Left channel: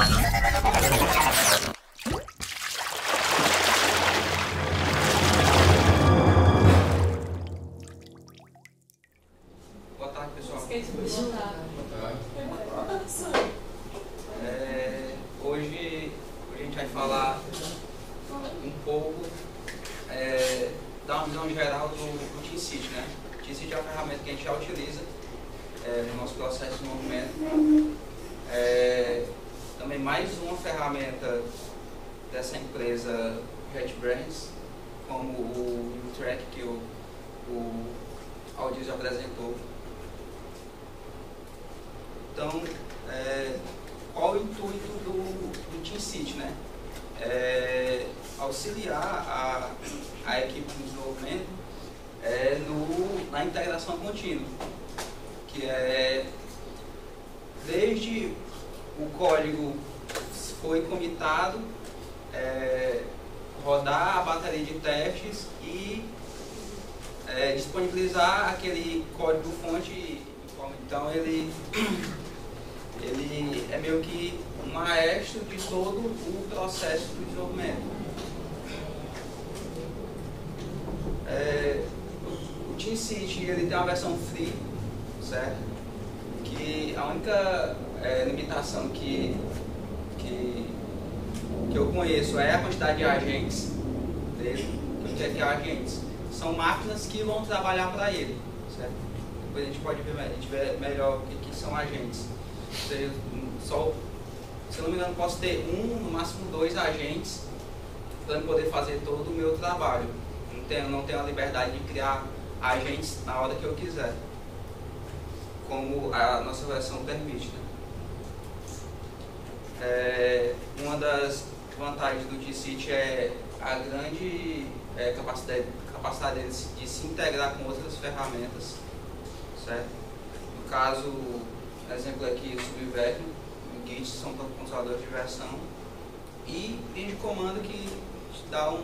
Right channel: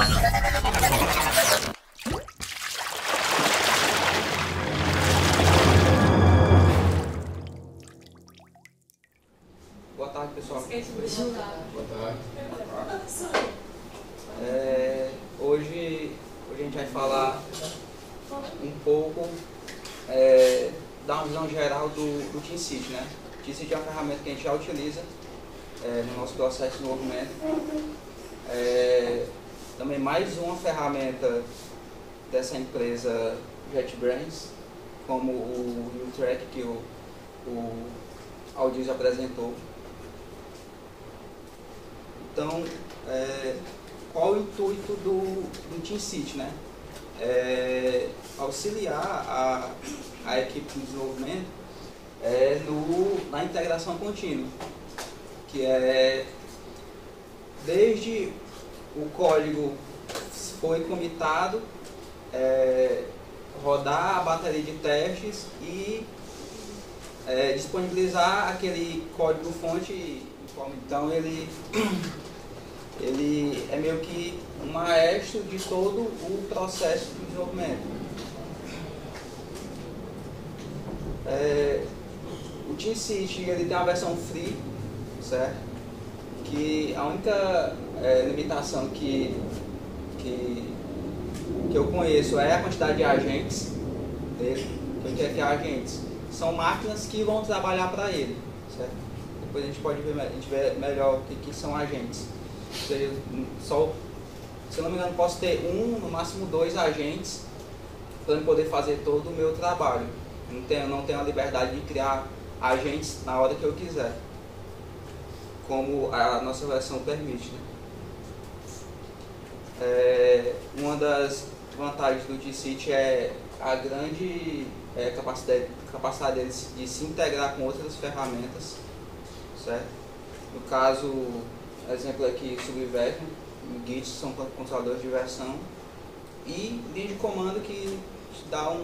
Boa tarde, pessoal. Boa tarde. Hoje a gente vai falar um pouco, dar uma visão geral do TeamCity, né? O TeamCity é uma ferramenta que a gente já utiliza no nosso processo de desenvolvimento. Também mais uma ferramenta dessa empresa JetBrains, como o NewTrack que o Aldis apresentou. Então, qual o intuito do TeamCity, né? Auxiliar a equipe de desenvolvimento na integração contínua, que é desde o código foi comitado, rodar a bateria de testes e disponibilizar aquele código fonte. Então ele é meio que um maestro de todo o processo de desenvolvimento. O TeamCity ele tem uma versão free, certo? Que a única limitação que eu conheço é a quantidade de agentes dele. Quem quer ter agentes são máquinas que vão trabalhar para ele, certo? Depois a gente pode ver melhor o que são agentes. Ou seja, se eu não me engano, posso ter no máximo 2 agentes para eu poder fazer todo o meu trabalho. Não tenho a liberdade de criar agentes na hora que eu quiser, como a nossa versão permite. Uma das vantagens do TeamCity é a grande capacidade deles de se integrar com outras ferramentas, certo? No caso, exemplo aqui, o Subversion, o Git são controladores de versão e linha de comando que te dá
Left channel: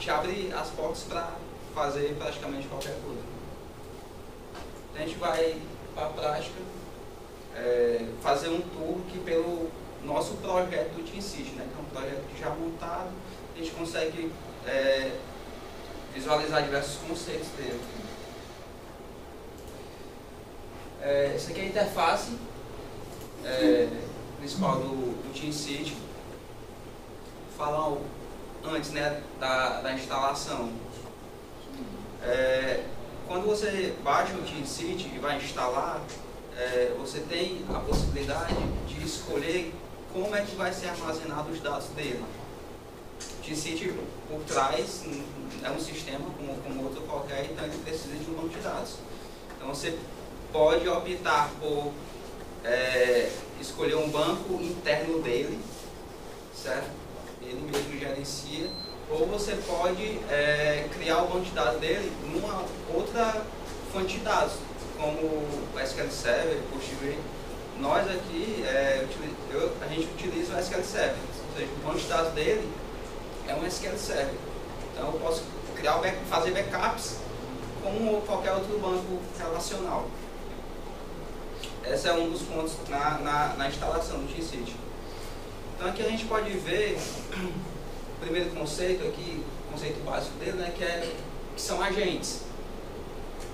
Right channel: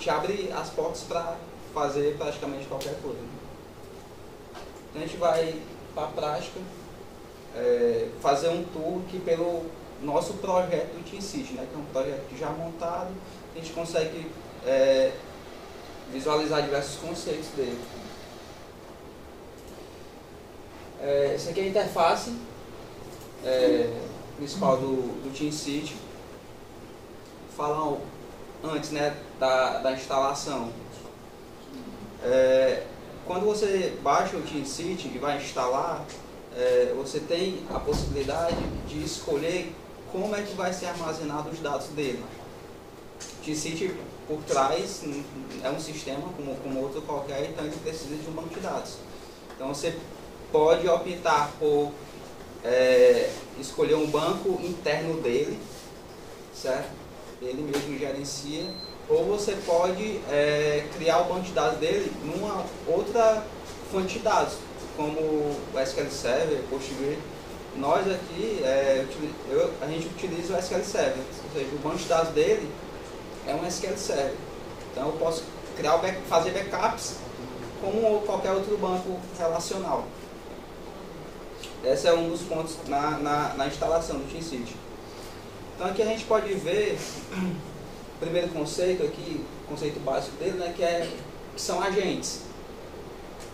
te abre as portas para fazer praticamente qualquer coisa. Então a gente vai para a prática fazer um tour aqui pelo nosso projeto do TeamCity, né, que é um projeto já montado, a gente consegue visualizar diversos conceitos dele. Essa aqui é a interface principal do TeamCity. Falar antes, né, da instalação. Quando você baixa o TeamCity e vai instalar, você tem a possibilidade de escolher como é que vai ser armazenado os dados dele. O TeamCity, por trás, é um sistema como outro qualquer, então ele precisa de um banco de dados. Então você pode optar por escolher um banco interno dele, certo? Ele mesmo gerencia, ou você pode criar o banco de dados dele numa outra fonte de dados, como o SQL Server, PostgreSQL. Nós aqui, a gente utiliza o SQL Server, ou seja, o banco de dados dele é um SQL Server. Então eu posso fazer backups como qualquer outro banco relacional. Esse é um dos pontos na instalação do TeamCity. Então aqui a gente pode ver o primeiro conceito aqui, o conceito básico dele, né, que são agentes,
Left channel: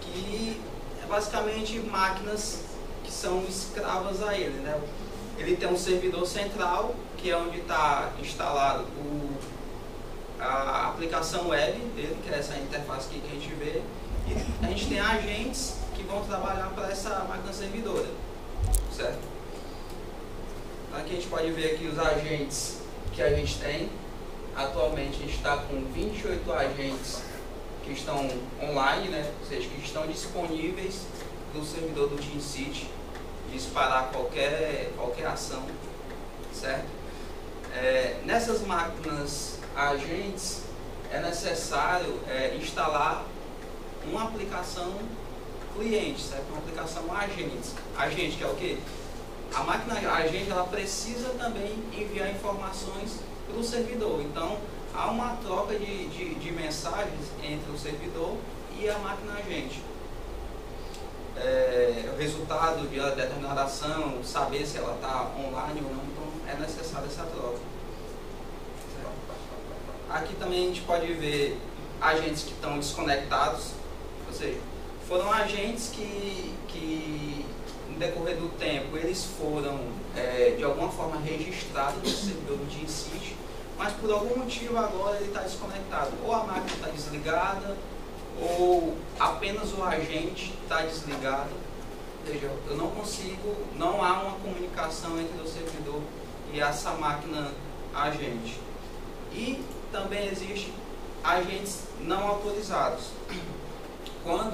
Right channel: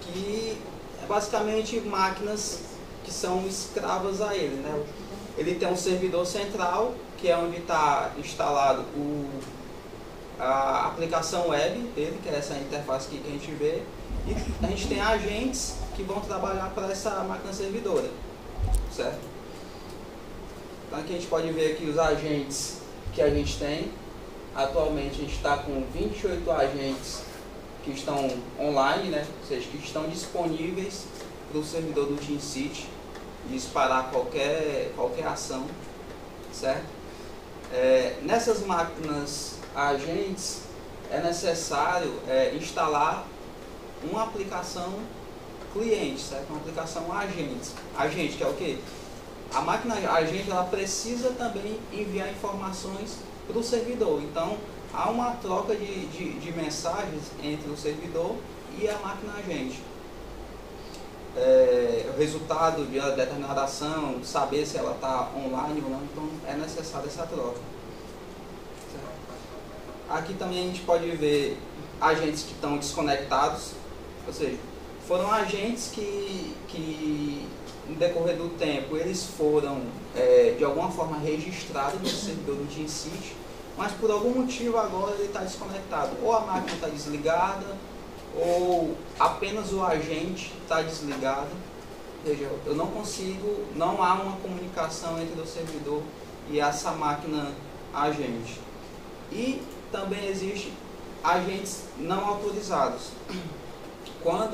que é basicamente máquinas que são escravas a ele, né? Ele tem um servidor central, que é onde está instalado a aplicação web dele, que é essa interface aqui que a gente vê, e a gente tem agentes que vão trabalhar para essa máquina servidora, certo? Então aqui a gente pode ver aqui os agentes que a gente tem. Atualmente a gente está com 28 agentes que estão online, né? Ou seja, que estão disponíveis para o servidor do TeamCity disparar qualquer ação, certo? Nessas máquinas agentes é necessário instalar uma aplicação cliente, certo? Uma aplicação agente, que é o quê? A máquina agente ela precisa também enviar informações para o servidor. Então há uma troca de mensagens entre o servidor e a máquina agente. o resultado de uma determinada ação, saber se ela está online ou não, então é necessária essa troca. Aqui também a gente pode ver agentes que estão desconectados, ou seja, foram agentes que no decorrer do tempo eles foram de alguma forma registrados no servidor do TeamCity, mas por algum motivo agora ele está desconectado, ou a máquina está desligada, ou apenas o agente está desligado. Veja, eu não consigo, não há uma comunicação entre o servidor e essa máquina agente. E também existe agentes não autorizados. Quando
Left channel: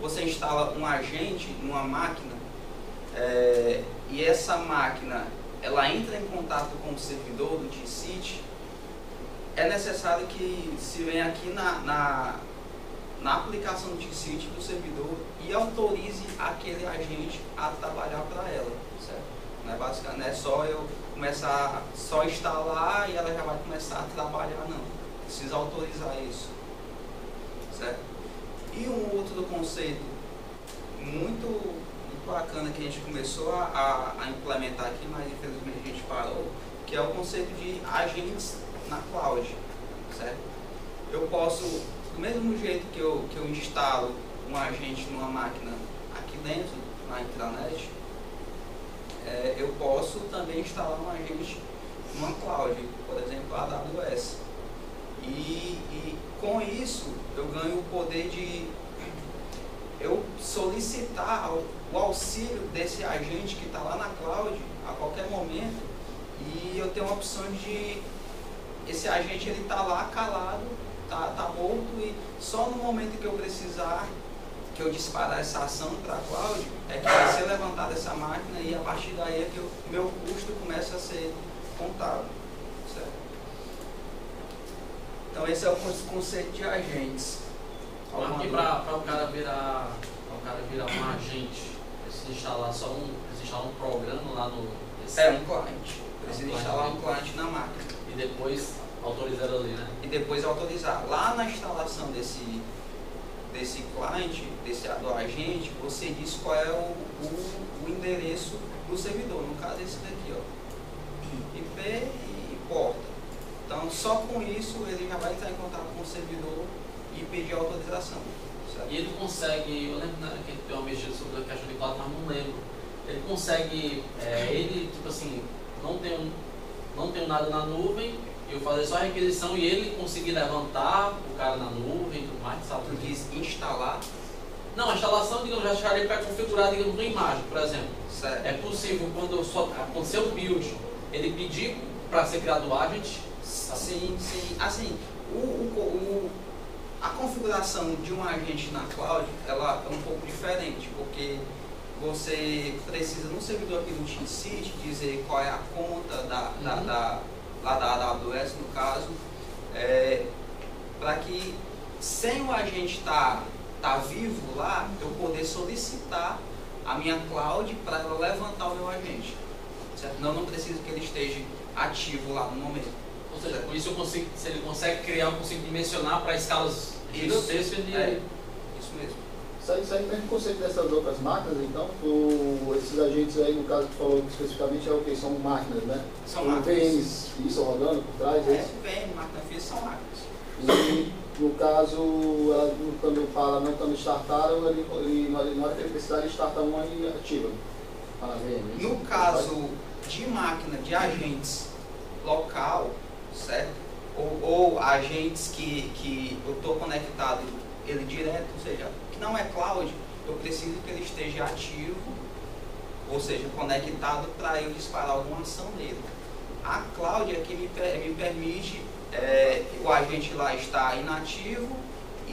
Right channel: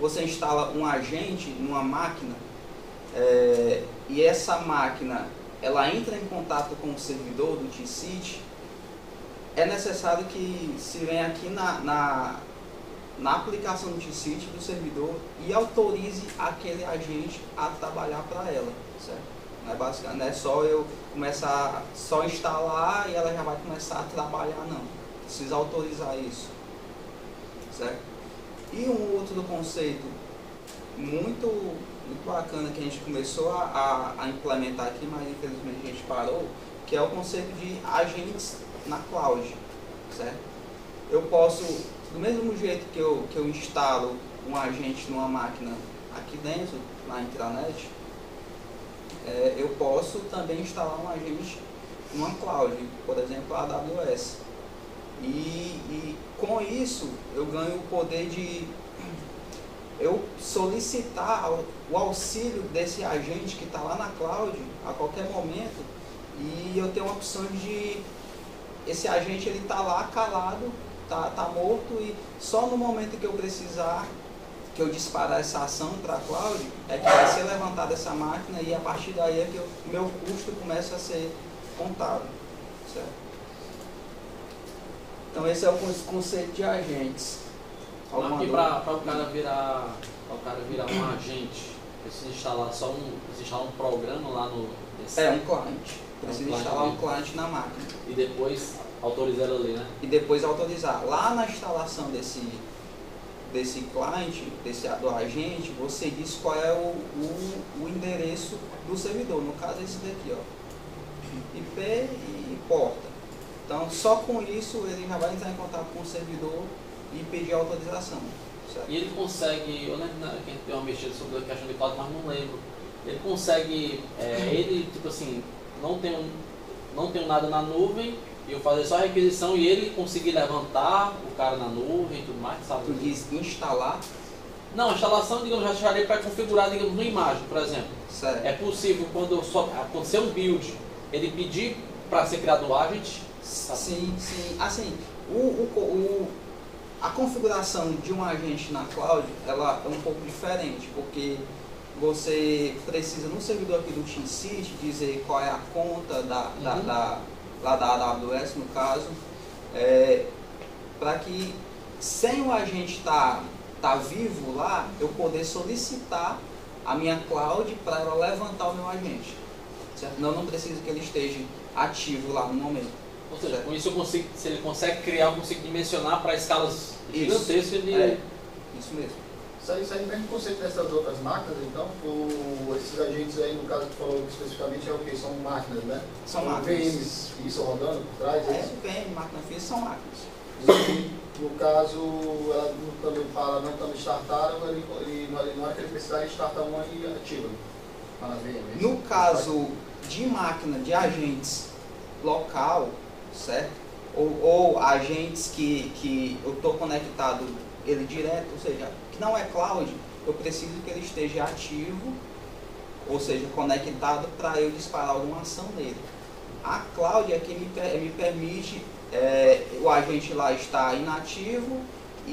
você instala um agente numa máquina e essa máquina ela entra em contato com o servidor do TeamCity, é necessário que se venha aqui na aplicação do TeamCity do servidor e autorize aquele agente a trabalhar para ela, certo? Não é só eu começar só instalar e ela já vai começar a trabalhar, não. Precisa autorizar isso, certo? E um outro conceito muito bacana que a gente começou a implementar aqui, mas infelizmente a gente parou, que é o conceito de agentes na cloud, certo? Eu posso, do mesmo jeito que eu instalo um agente numa máquina aqui dentro, na intranet, eu posso também instalar um agente numa cloud, por exemplo, a AWS. E com isso eu ganho o poder de eu solicitar o auxílio desse agente que está lá na cloud a qualquer momento, e eu tenho a opção de esse agente ele está lá calado, tá morto, e só no momento que eu precisar, que eu disparar essa ação para a cloud, é que vai ser levantada essa máquina, e a partir daí é que o meu custo começa a ser contado, certo? Então esse é o conceito de agentes. Aqui para o cara virar um agente, precisa instalar um programa lá no... um cliente. Precisa instalar um cliente na máquina. E depois autorizar ali, né? E depois autorizar. Lá na instalação desse cliente, do agente, você diz qual é o endereço do servidor. No caso, esse daqui, ó. IP e porta. Então, só com isso, ele já vai entrar em contato com o servidor e pedir autorização. Certo? E ele consegue, eu lembro que a gente deu uma mexida sobre a questão de cloud, mas não lembro. Ele consegue, ele, tipo assim, não tem nada na nuvem, eu fazer só a requisição e ele conseguir levantar o cara na nuvem e tudo mais, sabe? Tu diz instalar? Não, a instalação, digamos, já estaria para configurar, digamos, uma imagem, por exemplo. Certo. É possível, quando acontecer um build, ele pedir para ser criado o agent? Sim. Assim, a configuração de um agente na cloud, ela é um pouco diferente, porque você precisa, no servidor aqui do TeamCity, dizer qual é a conta lá da AWS, no caso, para que, sem o agente estar vivo lá, eu poder solicitar a minha cloud para ela levantar o meu agente. Certo? Não preciso que ele esteja ativo lá no momento. Ou seja, com isso eu consigo, se ele consegue criar, eu consigo dimensionar para escalas gigantescas. Isso mesmo. Isso aí vem no conceito dessas outras máquinas, então, esses agentes aí, no caso que tu falou especificamente, é o que? São máquinas, né? São máquinas. VMs físicas rodando por trás? VM, máquina física, são máquinas. E, no caso, ela também fala, não estando startada, na hora que ele precisar, ele starta uma e ativa. Na VM. No caso de máquina, de agentes local, certo? Ou agentes que eu estou conectado ele direto, ou seja, que não é cloud, eu preciso que ele esteja ativo, ou seja, conectado para eu disparar alguma ação nele. A cloud é que me permite o agente lá estar inativo,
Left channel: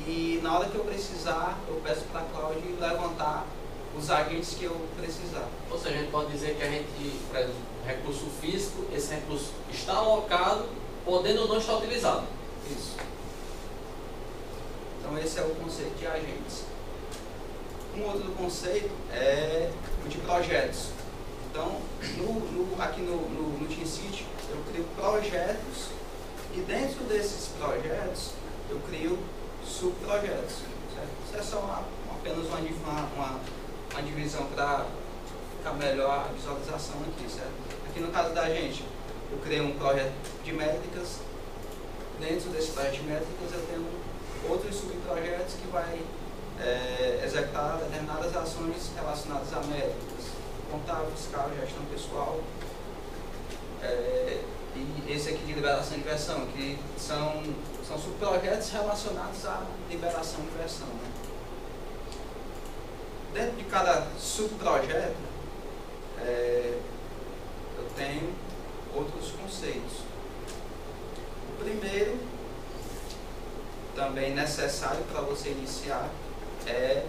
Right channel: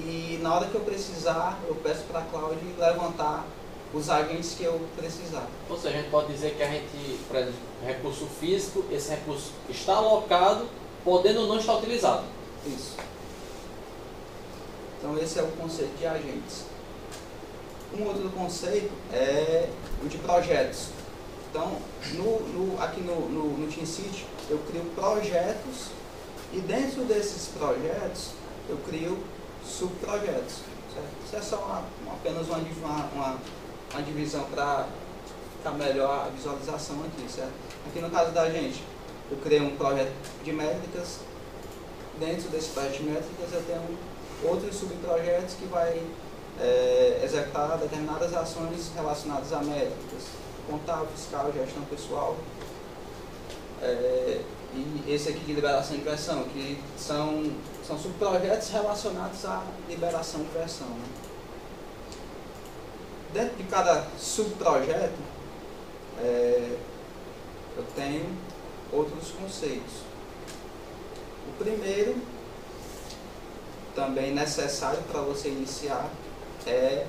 e na hora que eu precisar, eu peço para a cloud levantar os agentes que eu precisar. Ou seja, a gente pode dizer que a gente, por exemplo, recurso físico, esse recurso está alocado, podendo não estar utilizado. Isso. Então esse é o conceito de agentes. Um outro conceito é o de projetos. Então, aqui no TeamCity, eu crio projetos, e dentro desses projetos, eu crio subprojetos. Certo? Isso é só apenas uma divisão para ficar melhor a visualização aqui, certo? Aqui no caso da gente, eu criei um projeto de métricas. Dentro desse projeto de métricas eu tenho outros subprojetos que vai executar determinadas ações relacionadas a métricas, contábil, fiscal, gestão pessoal, e esse aqui de liberação de versão, que são subprojetos relacionados à liberação de versão, né? Dentro de cada subprojeto eu tenho outros conceitos. O primeiro, também necessário para você iniciar, é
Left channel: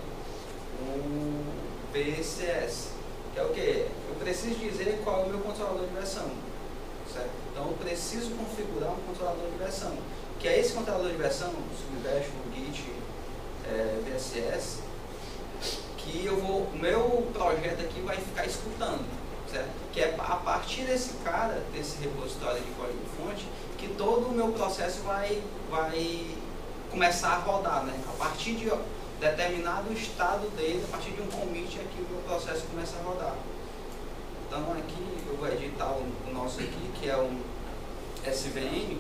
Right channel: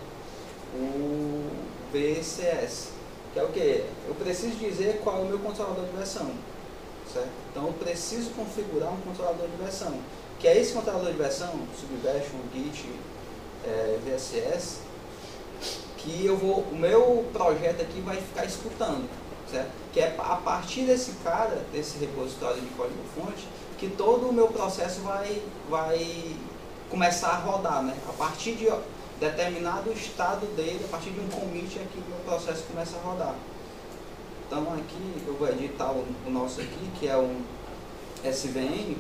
o BCS, que é o que? Eu preciso dizer qual é o meu controlador de versão, certo? Então eu preciso configurar um controlador de versão, que é esse controlador de versão, Subversion, Git, VSS, que o meu projeto aqui vai ficar escutando, certo? Que é a partir desse repositório de código-fonte, que todo o meu processo vai começar a rodar, né? A partir de determinado estado dele, a partir de um commit, aqui o meu processo começa a rodar. Então aqui eu vou editar o nosso aqui, que é um SVN.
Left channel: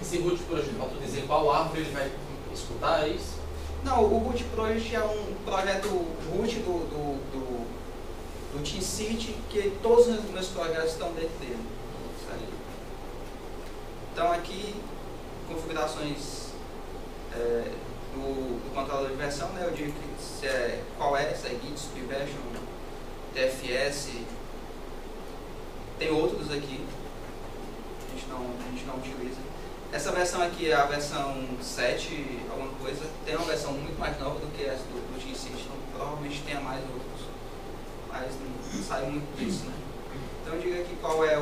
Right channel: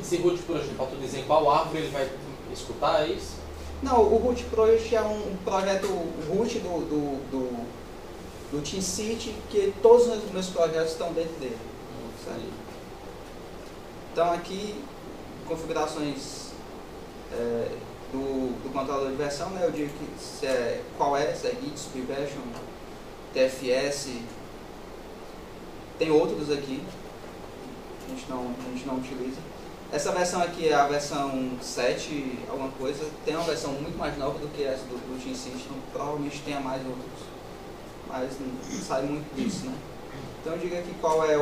Esse root project, para tu dizer qual árvore ele vai escutar, é isso? Não, o root project é um projeto root do TeamCity, que todos os meus projetos estão dentro dele. Então aqui, configurações do controlador de versão, né? Eu digo se qual é, se é Git, Subversion, TFS, tem outros aqui, a gente não utiliza. Essa versão aqui é a versão 7, alguma coisa, tem uma versão muito mais nova do que essa do TeamCity, então provavelmente tenha mais outros, mas não sai muito disso, né? Então diga aqui qual é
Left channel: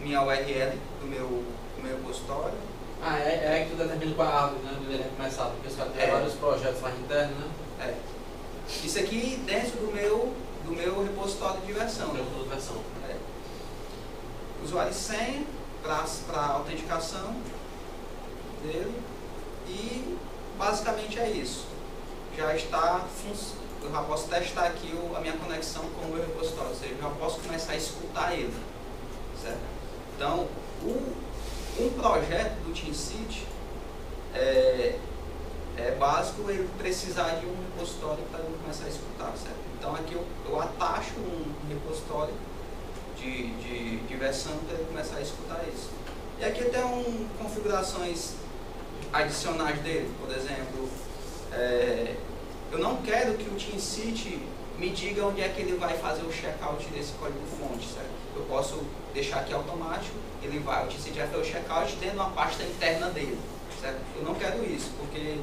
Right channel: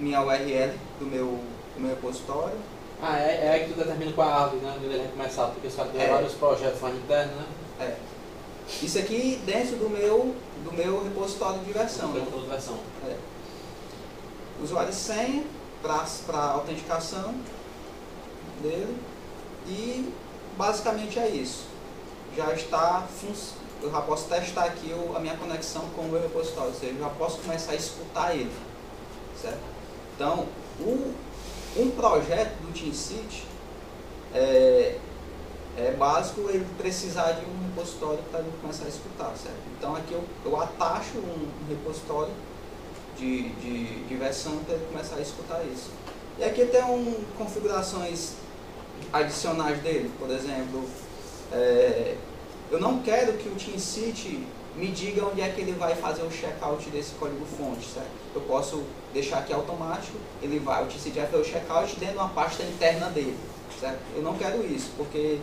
minha URL do meu repositório. É que tu determina qual é a árvore, né? Ele vai começar, porque você vai ter vários projetos mais internos, né? Isso aqui dentro do meu repositório de versão. Usuário e senha para autenticação dele, e basicamente é isso. Eu já posso testar aqui a minha conexão com o meu repositório, ou seja, eu já posso começar a escutar ele, certo? Então, um projeto do TeamCity é básico ele precisar de um repositório para ele começar a escutar, certo? Então aqui eu atacho um repositório de versão para ele começar a escutar isso. E aqui tem configurações adicionais dele, por exemplo, eu não quero que o TeamCity me diga onde é que ele vai fazer o checkout desse código-fonte, certo? Eu posso deixar aqui automático, o TeamCity vai fazer o checkout dentro de uma pasta interna dele, certo? Eu não quero isso, porque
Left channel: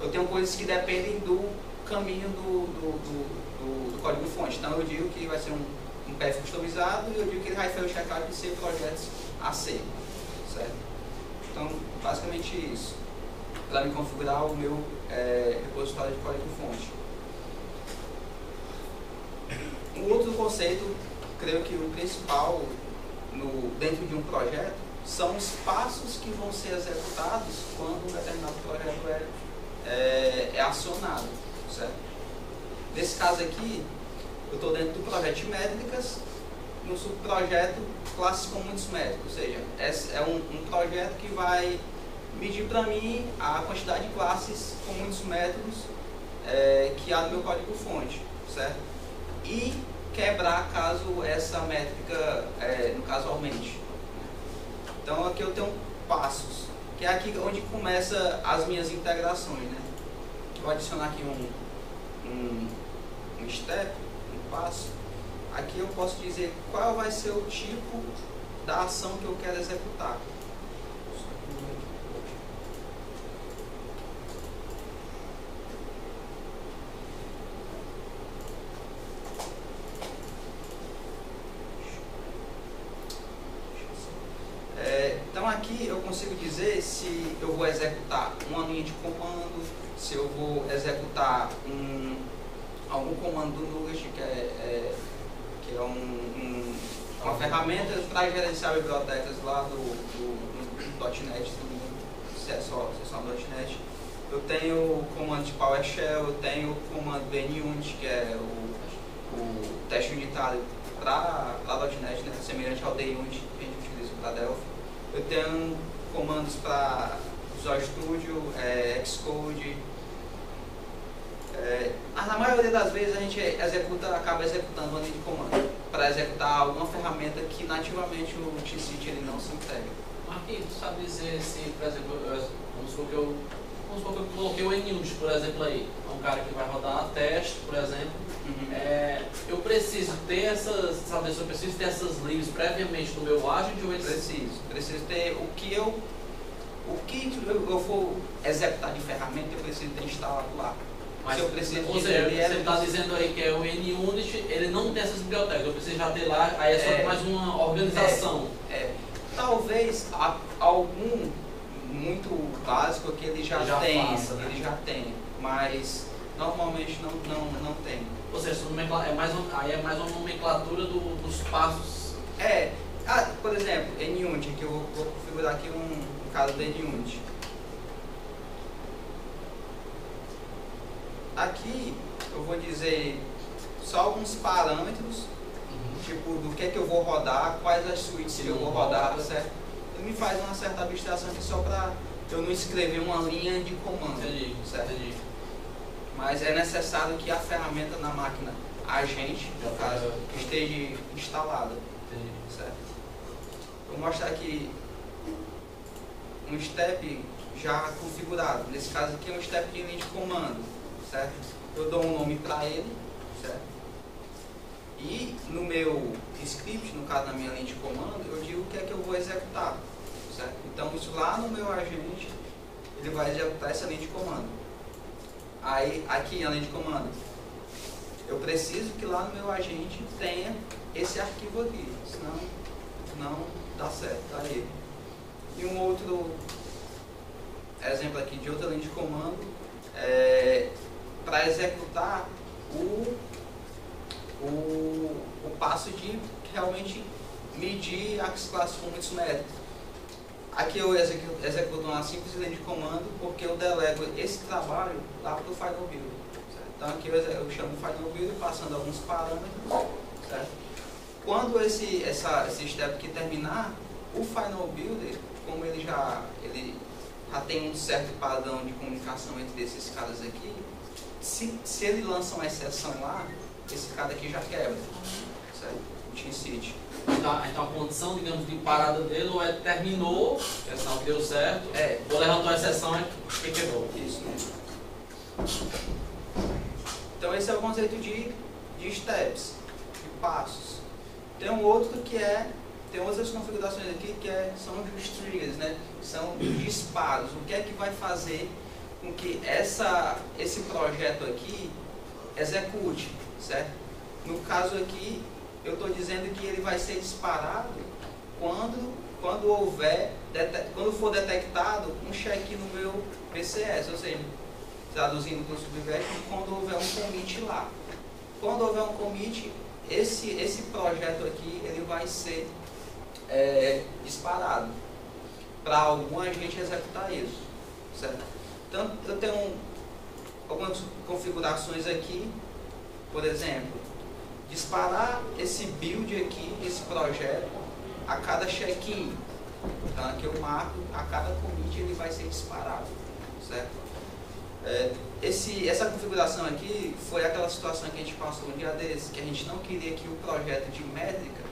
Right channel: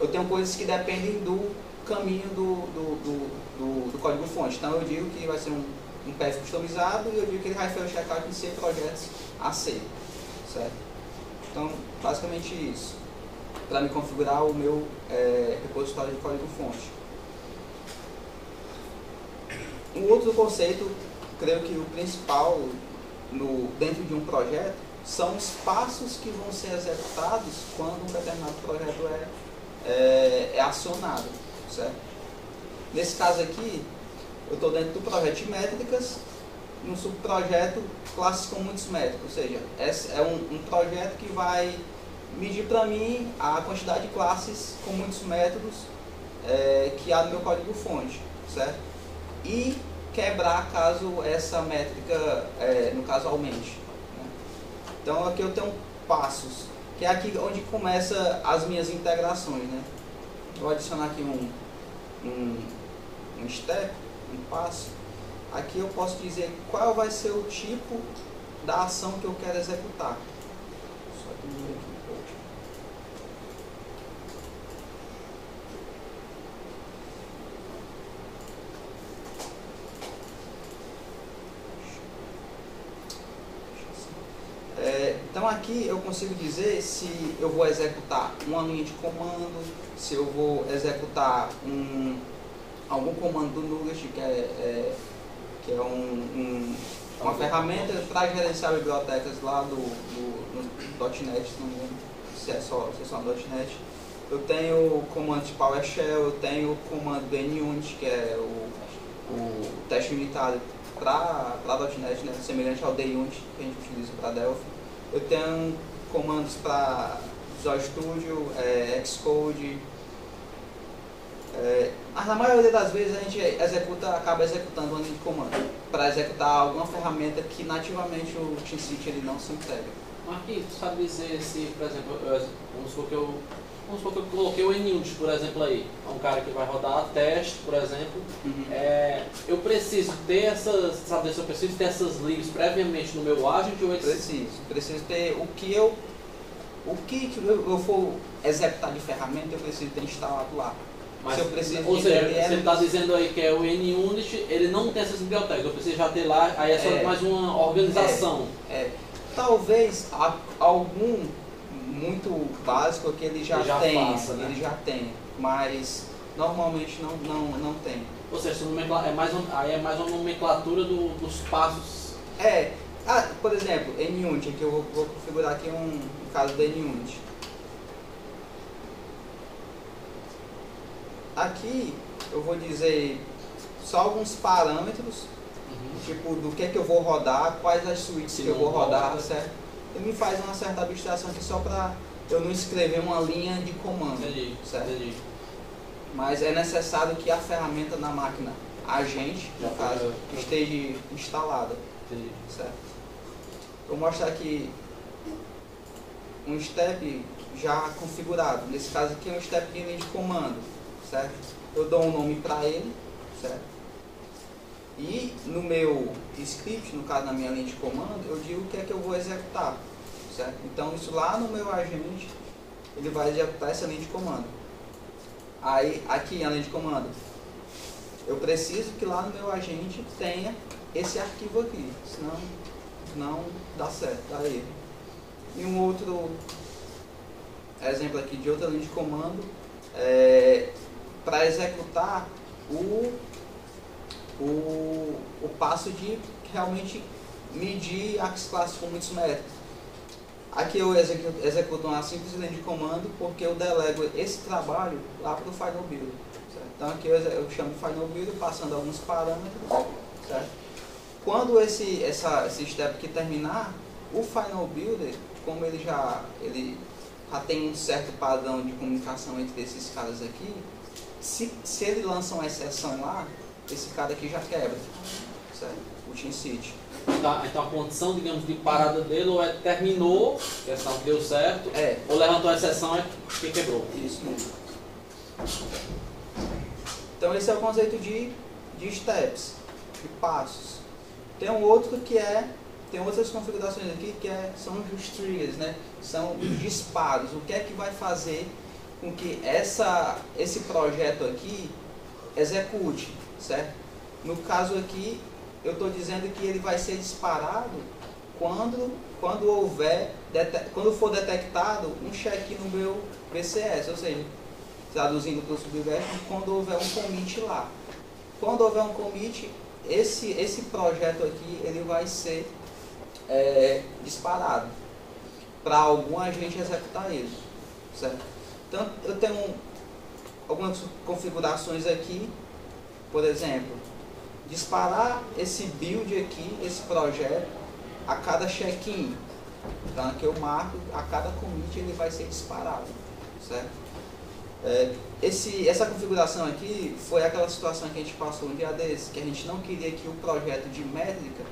eu tenho coisas que dependem do caminho do código-fonte. Então eu digo que vai ser um path customizado, e eu digo que ele vai fazer o checkout em 100 projetos AC, certo? Então, basicamente isso, para me configurar o meu repositório de código-fonte. Um outro conceito, creio que o principal dentro de um projeto, são os passos que vão ser executados quando um determinado projeto é acionado, certo? Nesse caso aqui, eu estou dentro do projeto de métricas, no subprojeto classes com muitos métodos, ou seja, é um projeto que vai medir para mim a quantidade de classes com muitos métodos que há no meu código-fonte, certo? E quebrar caso essa métrica, no caso, aumente, né? Então aqui eu tenho passos, que é aqui onde começa as minhas integrações, né? Vou adicionar aqui um step, um passo. Aqui eu posso dizer qual vai ser o tipo da ação que eu quero executar. Então aqui eu consigo dizer se eu vou executar um anuinho de comando, se eu vou executar algum comando do Nugget, que é uma ferramenta para gerenciar bibliotecas lá do .NET, não lembro se é só .NET. Eu tenho comandos PowerShell, eu tenho o comando NUnit, que é o teste unitário para .NET, né, semelhante ao DayUnit que a gente utiliza para Delphi. Eu tenho comandos para Visual Studio, Xcode. Mas na maioria das vezes a gente acaba executando uma linha de comando para executar alguma ferramenta que nativamente o TeamCity ele não se entrega. Marquinhos, tu sabe dizer se, por exemplo, vamos supor que eu coloquei o NUnit, por exemplo, aí, é um cara que vai rodar teste, por exemplo. Eu preciso ter eu preciso ter essas libs previamente no meu agent ou preciso ter o que eu for executar de ferramenta, eu preciso ter instalado lá. Mas eu preciso ou seja, você está dizendo aí que é o NUnit, ele não tem essas bibliotecas, eu preciso já ter lá, aí é só mais uma organização. Talvez algum muito básico que ele já tem, né? Ele já tem, mas normalmente não tem. Ou seja, aí é mais uma nomenclatura dos passos. Por exemplo, NUnit, aqui eu vou configurar aqui um caso da NUnit. Aqui eu vou dizer só alguns parâmetros, tipo do que eu vou rodar, quais as suítes que eu vou rodar, certo? Ele me faz uma certa abstração aqui só para eu não escrever uma linha de comando, certo? Entendi. Mas é necessário que a ferramenta na máquina agente, no caso, esteja instalada, certo? Vou mostrar aqui um step já configurado. Nesse caso aqui é um step de linha de comando, certo? Eu dou um nome para ele, certo? E no meu script, no caso na minha linha de comando, eu digo o que é que eu vou executar, certo? Então isso lá no meu agente, ele vai executar essa linha de comando. Aí aqui na linha de comando, eu preciso que lá no meu agente tenha esse arquivo aqui, senão não dá certo, tá aí. E um outro exemplo aqui de outra linha de comando, para executar o passo de realmente medir as classes com muitos métodos. Aqui eu executo uma simples linha de comando porque eu delego esse trabalho lá para o Final Builder. Certo? Então aqui eu chamo o Final Builder passando alguns parâmetros. Certo? Quando esse step aqui terminar, o Final Builder, como ele já tem um certo padrão de comunicação entre esses caras aqui, se ele lança uma exceção lá, esse cara aqui já quebra, certo? O TeamCity. Então a condição, digamos, de parada dele ou terminou, a exceção deu certo, ou levantou a exceção que quebrou. Isso mesmo. Então esse é o conceito de steps, de passos. Tem um outro tem outras configurações aqui são os triggers, né? São os disparos. O que é que vai fazer com que esse projeto aqui execute, certo? No caso aqui, eu estou dizendo que ele vai ser disparado quando for detectado um check no meu VCS, ou seja, traduzindo para o Subversion, quando houver um commit lá. Quando houver um commit, esse projeto aqui ele vai ser disparado para algum agente executar isso, certo? Então eu tenho algumas configurações aqui, por exemplo, disparar esse build aqui, esse projeto, a cada check-in. Então aqui eu marco, a cada commit ele vai ser disparado, certo? Essa configuração aqui foi aquela situação que a gente passou um dia desse, que a gente não queria que o projeto de métrica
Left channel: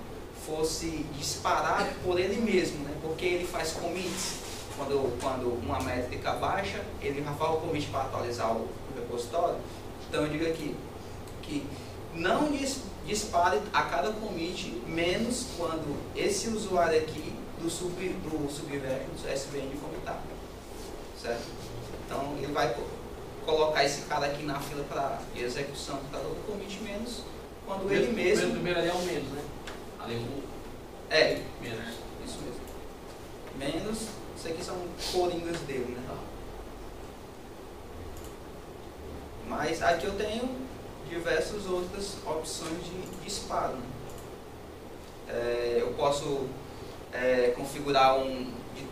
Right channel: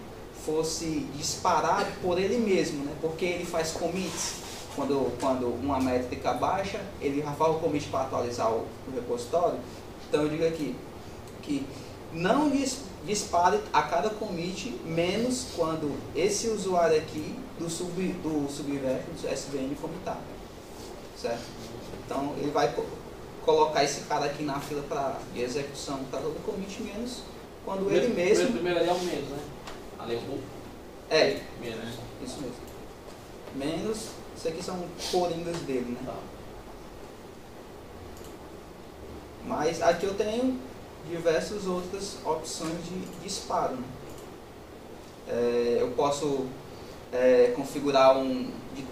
fosse disparado por ele mesmo, né? Porque ele faz commits. Quando uma métrica baixa, ele já faz o commit para atualizar o repositório. Então eu digo aqui que não dispare a cada commit, menos quando esse usuário aqui do Subversion, do SVN, commitar, certo? Então ele vai colocar esse cara aqui na fila de execução para todo commit, menos quando ele mesmo... O primeiro ali é o menos, né? Ali é menos. Isso mesmo. Menos, isso aqui são coringas dele, né? Tá. Mas aqui eu tenho diversas outras opções de disparo, né? Eu posso configurar de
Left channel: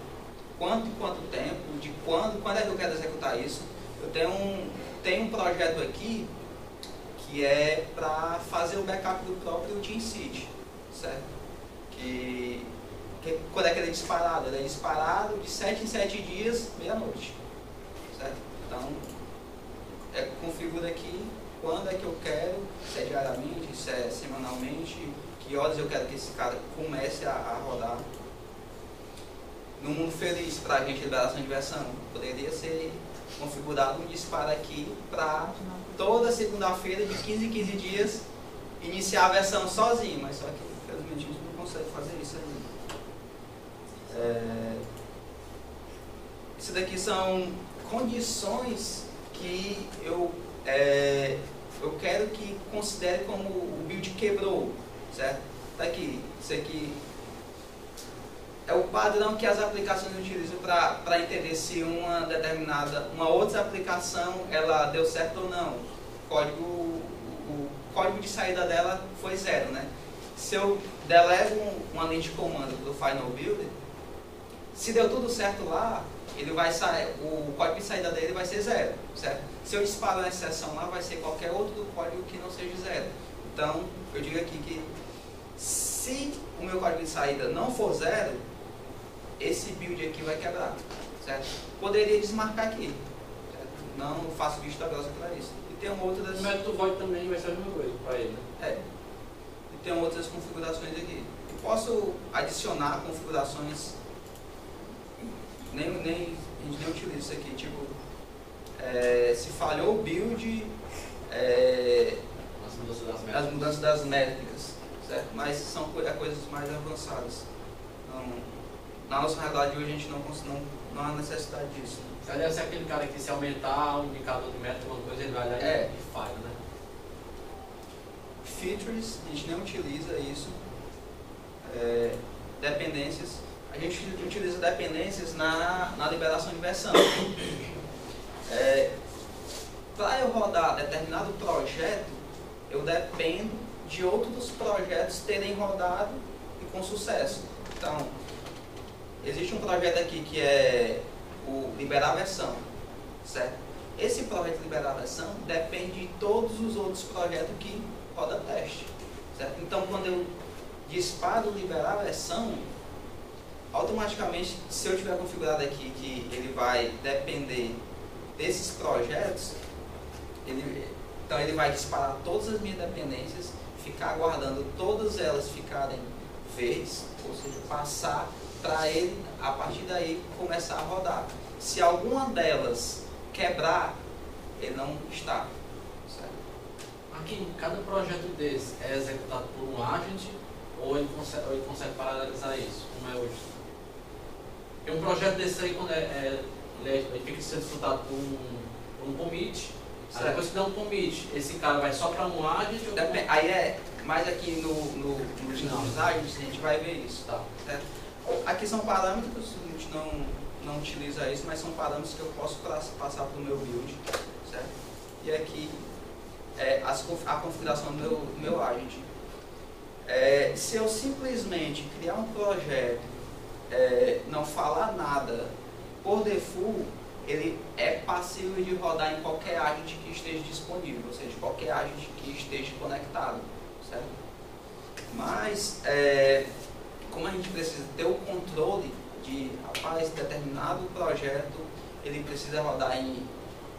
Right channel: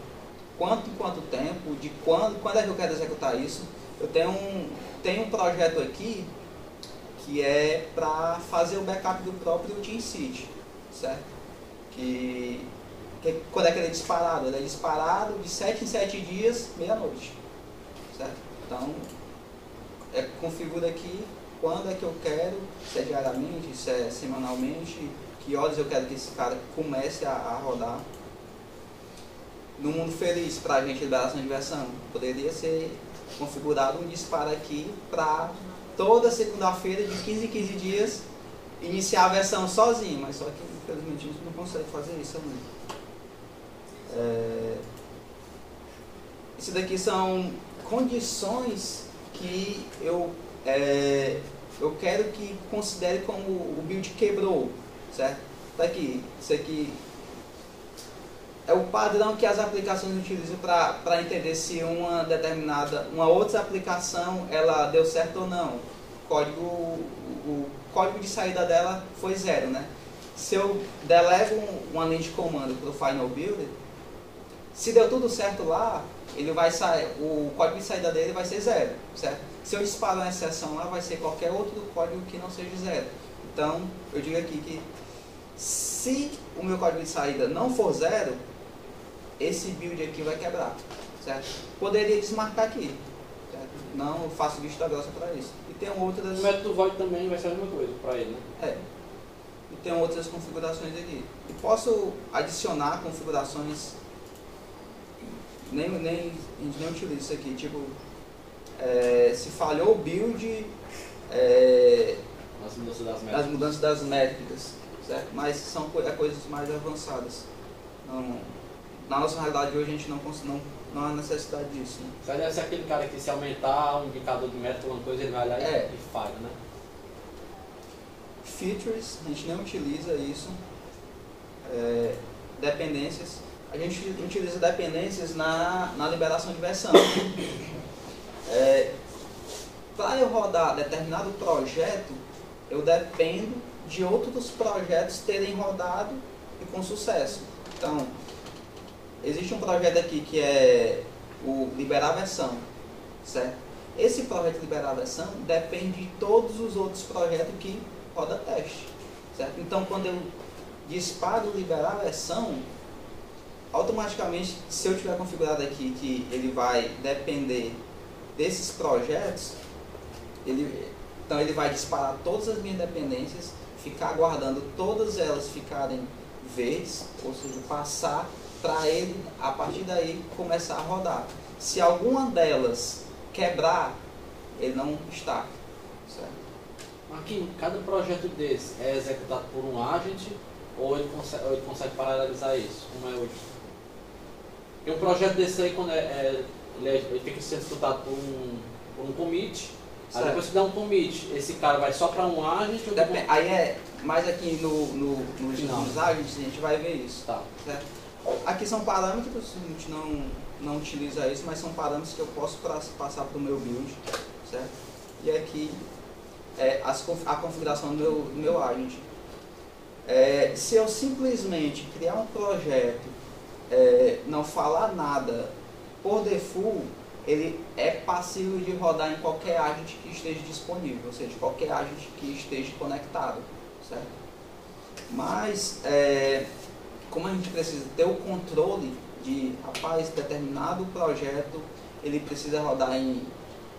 quanto tempo, de quando é que eu quero executar isso. Eu tenho um projeto aqui que é para fazer o backup do próprio TeamCity, certo? Quando é que ele é disparado? Ele é disparado de 7 em 7 dias, meia-noite, certo? Então, configura aqui quando é que eu quero, se é diariamente, se é semanalmente, que horas eu quero que esse cara comece a rodar. No mundo feliz, para a gente, liberação de versão, poderia ser configurado um disparo aqui para toda segunda-feira, de 15 em 15 dias, iniciar a versão sozinho, mas só que, infelizmente, a gente não consegue fazer isso ainda. Isso daqui são condições que eu quero que considere como o build quebrou, certo? Tá aqui, isso aqui é o padrão que as aplicações utilizam para entender se uma outra aplicação ela deu certo ou não. O código de saída dela foi 0, né? Se eu delevo uma linha de comando para o Final Builder, se deu tudo certo lá, ele vai sair, o código de saída dele vai ser 0, certo? Se eu disparar uma exceção lá, vai ser qualquer outro código que não seja 0. Então, eu digo aqui que se o meu código de saída não for 0, esse build aqui vai quebrar, certo? Poderia desmarcar aqui, certo? Não faço vista grossa para isso. E tem outras... O método void também vai ser a mesma coisa para ele, né? E tem outras configurações aqui. Eu posso adicionar configurações... A gente nem utiliza isso aqui, tipo... se falhou o build... as mudanças das métricas, certo? Mas são coisas mais avançadas. Na nossa realidade hoje a gente não há necessidade disso. Né? Já deve ser aquele cara que se aumentar um indicador de métrica, alguma coisa, ele vai lá e falha, né? Features, a gente nem utiliza isso. Dependências, a gente utiliza dependências na liberação de versão. Para eu rodar determinado projeto, eu dependo de outros projetos terem rodado e com sucesso. Então, existe um projeto aqui que é o liberar a versão, certo? Esse projeto de liberar a versão depende de todos os outros projetos que rodam teste, certo? Então, quando eu disparo liberar a versão, automaticamente, se eu tiver configurado aqui que ele vai depender desses projetos, então ele vai disparar todas as minhas dependências, ficar aguardando todas elas ficarem verdes, ou seja, passar para ele, a partir daí, começar a rodar. Se alguma delas quebrar, ele não está, certo? Aqui, cada projeto desse é executado por um agent ou ele consegue paralelizar isso? Como é hoje? Tem um projeto desse aí, quando ele tem que ser executado por um commit. Aí depois que dá um commit, esse cara vai só para um agent? Aí mais aqui nos agents a gente vai ver isso. Tá. Certo? Aqui são parâmetros, a gente não utiliza isso, mas são parâmetros que eu posso passar para o meu build, certo? E aqui a configuração do meu agent. Se eu simplesmente criar um projeto, não falar nada, por default, ele é passível de rodar em qualquer agent que esteja disponível, ou seja, qualquer agent que esteja conectado, certo? Mas, como a gente precisa ter o controle de, rapaz, determinado projeto, ele precisa rodar em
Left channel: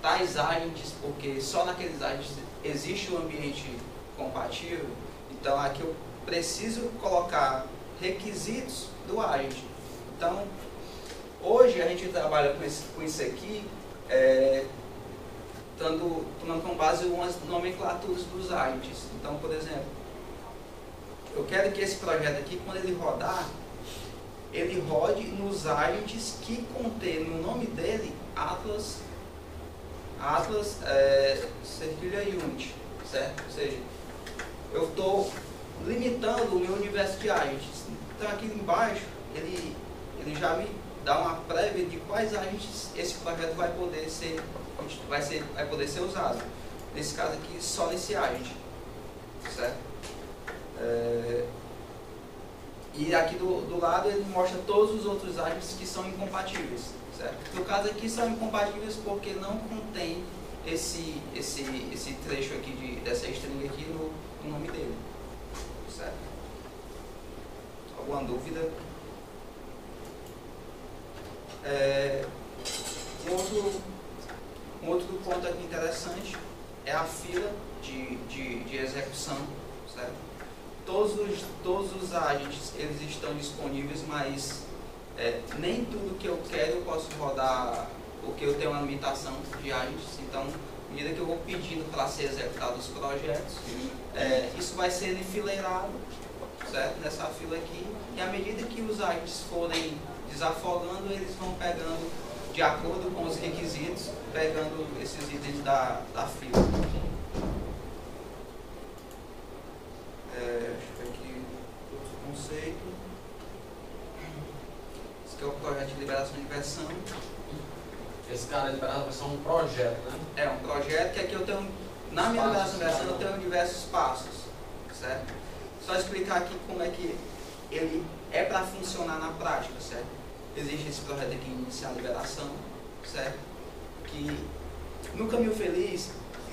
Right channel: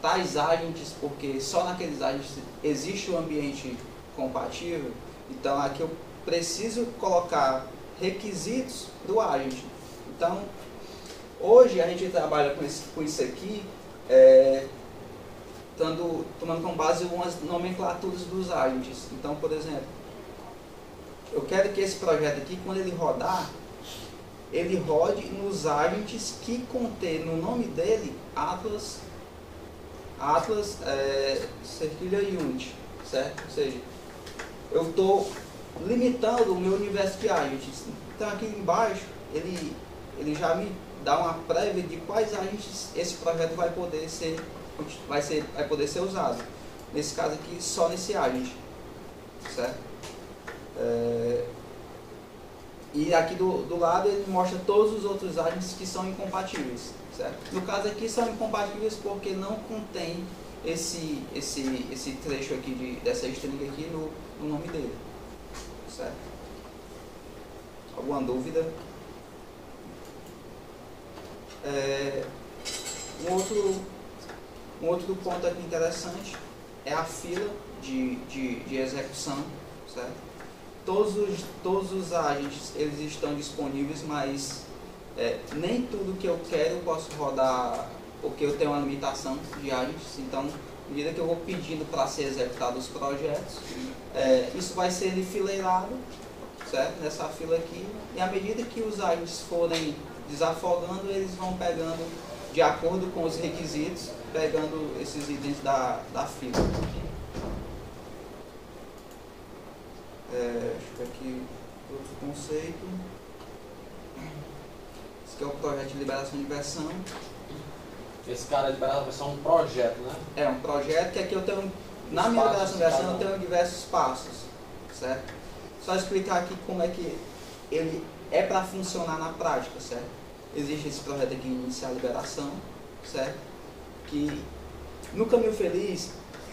tais agents, porque só naqueles agents existe um ambiente compatível, então aqui eu preciso colocar requisitos do agent. Então, hoje a gente trabalha com isso aqui, tomando como base umas nomenclaturas dos agents. Então, por exemplo, eu quero que esse projeto aqui, quando ele rodar, ele rode nos agents que contém no nome dele Atlas Cerquilha Unit, certo? Ou seja, eu estou limitando o meu universo de agents. Então aqui embaixo ele já me dá uma prévia de quais agents esse projeto vai poder ser usado. Nesse caso aqui, só nesse agent, certo? E aqui do lado ele mostra todos os outros agents que são incompatíveis, certo? No caso aqui são incompatíveis porque não contém esse trecho aqui dessa string aqui no nome dele. Certo? Alguma dúvida? Um outro ponto aqui interessante é a fila de execução, certo? Todos os agentes eles estão disponíveis, mas nem tudo que eu quero eu posso rodar, porque eu tenho uma limitação de agentes. Então, à medida que eu vou pedindo para ser executado os projetos, isso vai ser enfileirado, certo? Nessa fila aqui, e à medida que os agentes forem desafogando, eles vão pegando, de acordo com os requisitos, pegando esses itens da fila. Aqui outro conceito. Esse aqui é o projeto de liberação de versão. Esse cara de liberação de versão é um projeto, né? É um projeto que aqui eu tenho, na minha liberação de versão eu tenho diversos passos, certo? Só explicar aqui como é que ele é para funcionar na prática, certo? Existe esse projeto aqui, iniciar a liberação, certo? Que no Caminho Feliz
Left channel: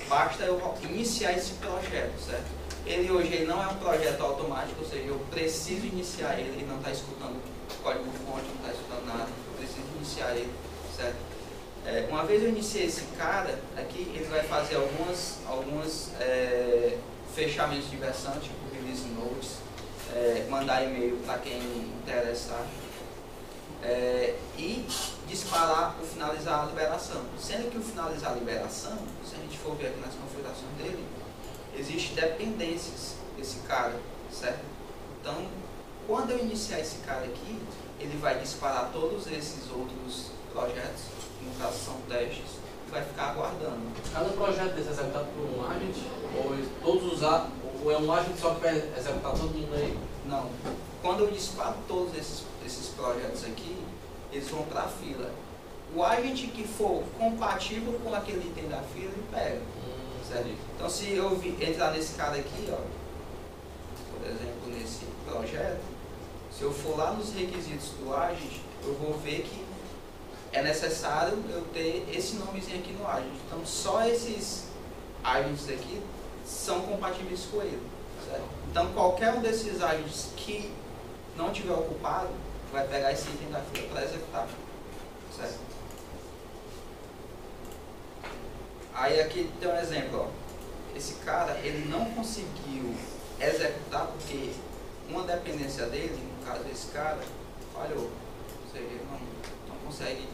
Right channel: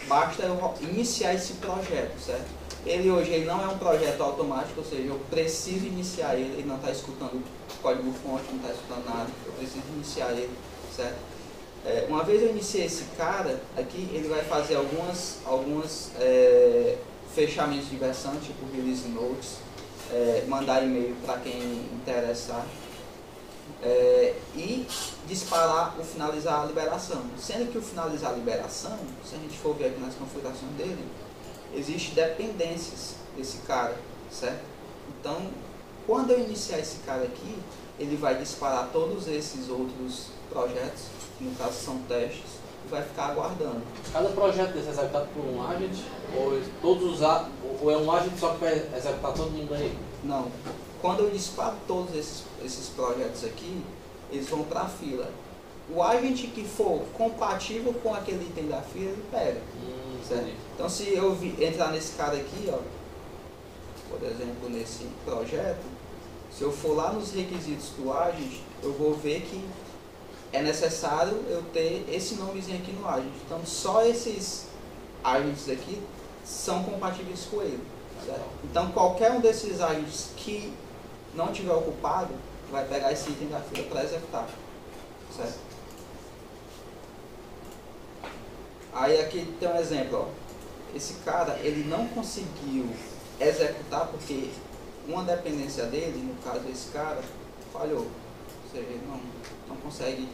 basta eu iniciar esse projeto, certo? Ele hoje não é um projeto automático, ou seja, eu preciso iniciar ele não está escutando código-fonte, não está escutando nada, eu preciso iniciar ele, certo? Uma vez eu iniciei esse cara, aqui ele vai fazer alguns fechamentos de versão, tipo release notes, mandar e-mail para quem interessar, e disparar o finalizar a liberação. Sendo que o finalizar a liberação, se a gente for ver aqui nas configurações dele, existem dependências desse cara, certo? Então, quando eu iniciar esse cara aqui, ele vai disparar todos esses outros projetos, no caso são testes, e vai ficar aguardando. Cada projeto desse é executado por um agent, ou é um agent só que vai executar todo mundo aí? Não. Quando eu disparo todos esses projetos aqui, eles vão para a fila. O agente que for compatível com aquele item da fila, ele pega. Certo? Então, se eu entrar nesse cara aqui, ó, por exemplo, nesse projeto, se eu for lá nos requisitos do agent, eu vou ver que é necessário eu ter esse nomezinho aqui no agent. Então, só esses agents aqui são compatíveis com ele. Certo? Então, qualquer um desses agents que não tiver ocupado, vai pegar esse item da fila para executar. Certo? Aí aqui tem um exemplo, ó. Esse cara, ele não conseguiu executar porque uma dependência dele, no caso esse cara, falhou. Ou seja, ele não consegue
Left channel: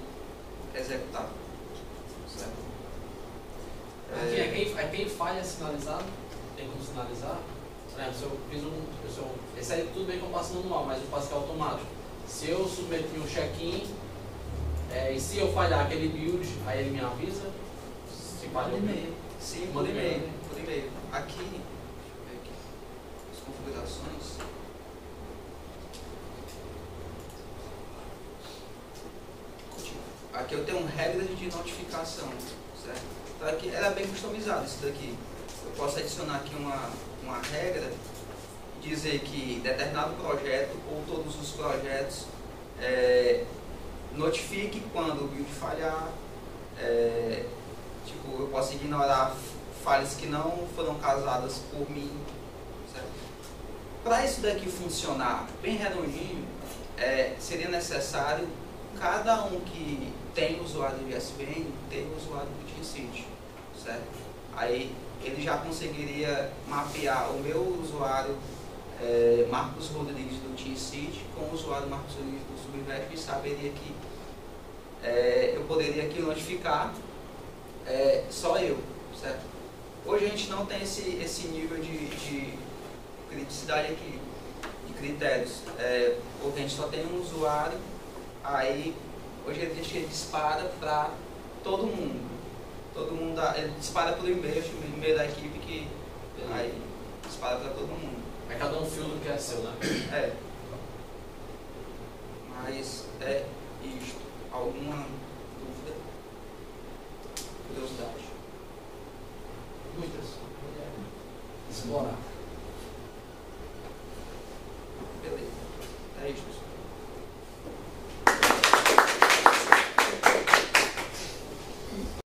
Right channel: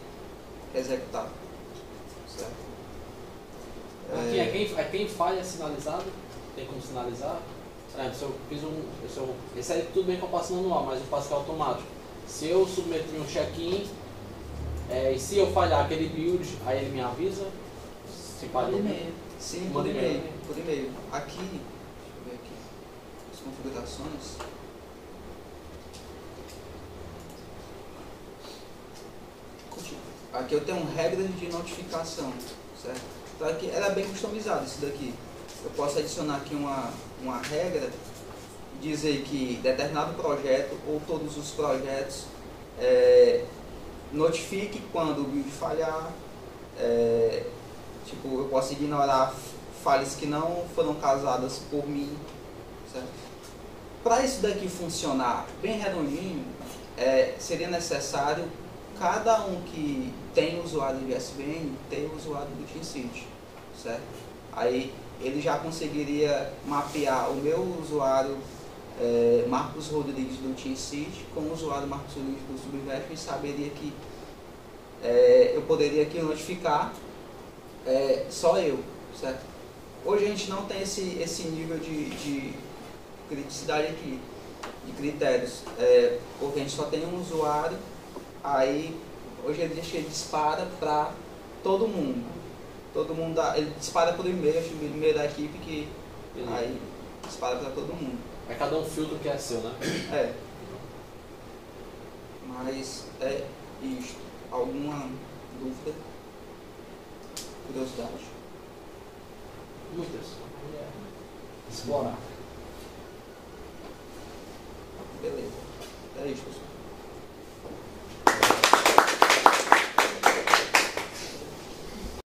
executar. Certo? Aqui quem falha é sinalizado, tem como sinalizar. Por exemplo, se eu esse aí tudo bem que eu passo manual, mas eu passo automático. Se eu submeter um check-in, e se eu falhar aquele build, aí ele me avisa. Se falhou. E-mail. Sim, por e-mail. Por e-mail. Aqui, deixa eu ver aqui, as configurações. Aqui eu tenho regras de notificação, certo? Então aqui era bem customizado isso daqui. Eu posso adicionar aqui uma regra, dizer que determinado projeto ou todos os projetos notifique quando o build falhar. Tipo, eu posso ignorar falhas que não foram causadas por mim, certo? Para isso daqui funcionar bem redondinho, seria necessário cada um que tem usuário de VSVN ter o usuário do TeamCity, certo? Aí ele já conseguiria mapear o meu usuário Marcos Rodrigues do TeamCity com o usuário Marcos Rodrigues do Subverso e saberia que eu poderia aqui notificar só eu, certo? Hoje a gente não tem esse nível de criticidade aqui, de critérios, porque a gente só tem um usuário, aí hoje ele dispara para todo mundo. Todo mundo ele dispara por e-mail, o e-mail da equipe que aí dispara para todo mundo. Mas cada um filtro que é seu, né? Mas é isto. Alguma dúvida? Curiosidade? Dúvidas? Explorar.